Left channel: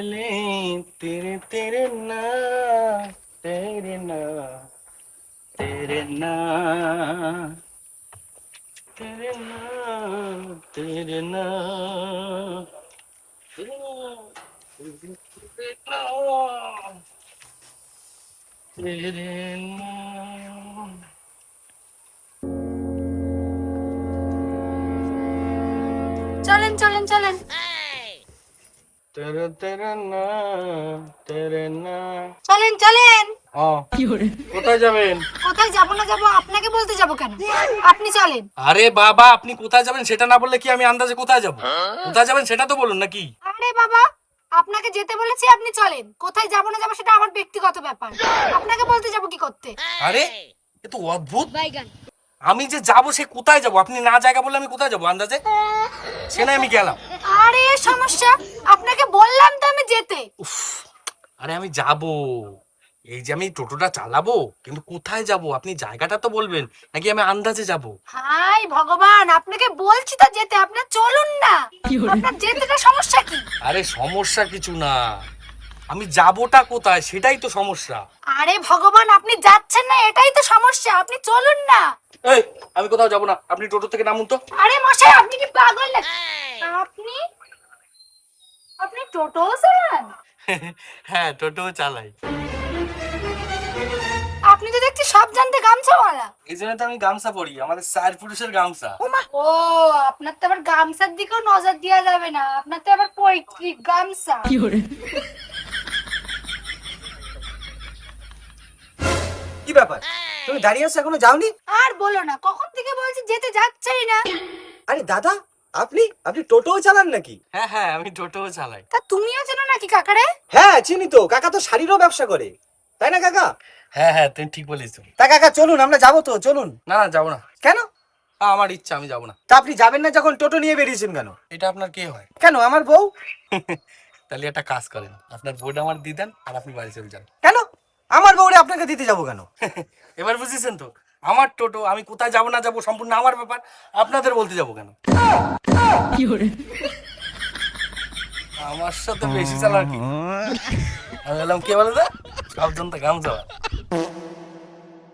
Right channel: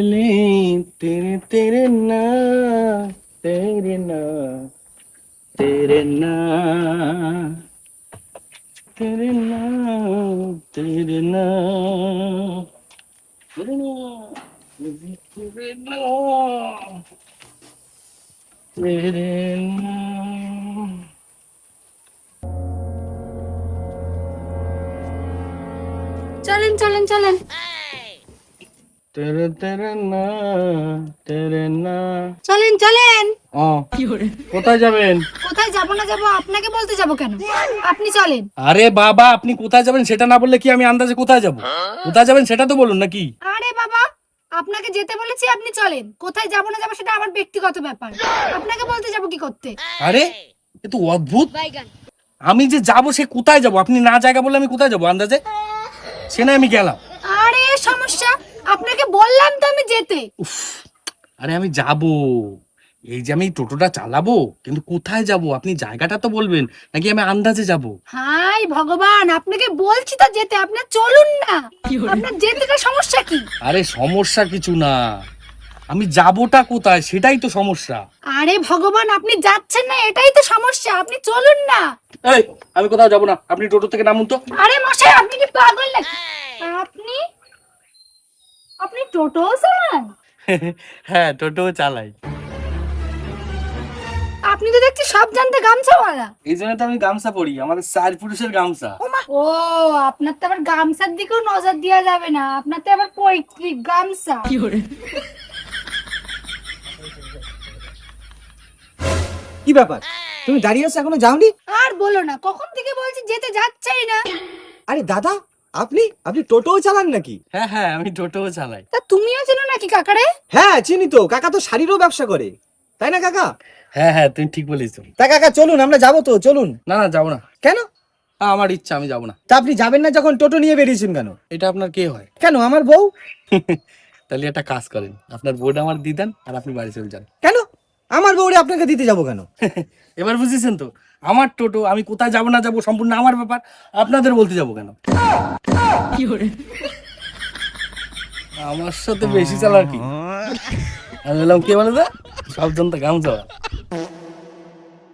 ले तेरे तेरे ना तेरे ना तेरे ना तेरे ना तेरे ना तेरे ना तेरे ना तेरे ना চলেন চলেন চলেন। तेरे तेरे ना तेरे ना চলেন চলেন। ও কোথায় যাবেন? কোথায় যাবো না যাবো আপনাকে বলতে যাবো কেন? আপনি চলেন। আরে বাবা, আপনি কোথায় যাবেন সেটা না বললে কি আমি আন্দাজে কোথায় যাব? কোথায় যাবেন সেটা তো বলুন নাকি? আরে বাবা, আপনাকে যেতে বলেছি, আপনি চলেন। কোথায় যাবো না যাবো সেটা আমার ব্যক্তিগত ব্যাপার, আপনাকে বলতে যাবো কি করতে? আরে এ তো অদ্ভুত। আমি যে যাব সে কোথায় যাব? আপনি না জায়গা বললে আমি কোথায় যাব আন্দাজে? সে না আমি গেলাম। আরে সমস্যা, আপনাকে বললাম তো আমি যেতে। উফ, আরে আমি যাব, এই যে আমি টোটোটা চালাবো, কিন্তু কোথায় যাব আপনি জায়গাটা তো বলবেন, নাকি আমি আন্দাজে যাব? হাই ভগবান, আপনাকে বলছি তো যেতে, আপনার চলুন না। আপনার যেতেটা সমস্যা কি? আরে সমস্যা কিছু না, আমি যাবোটা কোথায় সেটাই তো সমস্যা। আরে ভগবান, আপনি যাচ্ছেন না এটাই তো সমস্যা, আপনি চলুন না। এই, আমি কোথাও যাব না, আপনি টোটো থেকে নামুন তো। আরে মশাই, আপনি কি পাগল নাকি? আপনি আপনি টোটো চালান? হ্যাঁ, টোটো চালাই। আপনি তো দেখছি সব জানতে গামছাওয়ালা। এই জন্য তো আমি গামছা পরি, আমাদের চার পুরুষের গামছা। ও, আপনার তো আবার গামছার দিকেও নজর দেওয়া যাবে না, আপনার তো আবার পৈতৃক গামছা। কি ব্যাপার, তুমি দাঁড়িয়ে আছো এখনো যাওনি? আর বলো না, কখন থেকে বলছি যেতে যাচ্ছেই না। আরে দাদা, আপনি আপনি টোটোও চালান নাকি? হ্যাঁ হ্যাঁ, আমি টোটো চালাই। তা তুমিও চেনো নাকি কাকারে? হ্যাঁ চিনি তো, কাকা তো শাড়িরও ব্যবসা করে, তাই না কাকা? হ্যাঁ হ্যাঁ, তুমি ঠিক বলেছো। তা কাকা চলুন, আমরা যাবো তো, চলুন। না না, যাবো না। কেন? আমার ইচ্ছা, আমি যাবো না। তা আপনি যাবেন না যখন টোটো নিয়ে বেরিয়েছেন কেন? এটা আপনার কে হয়? কেন, আমার বউ। তাহলে একটা কাজ করেন, আপনার বোর্ড আমার দিয়ে দেন আর আপনি বাড়ি চলে যান। কেন আমার বউরে আপনাকে দিতে যাবো কেন? এবার বুঝেছেন তো, আমার টোটো, আমি কোথায় যাবো না যাবো সম্পূর্ণ আমার ব্যাপার, আপনাদের বলতে যাবো কেন? আমার সাথে বেশি চালাকি। আমি বললাম কে বলে, সব জন তো গামছা।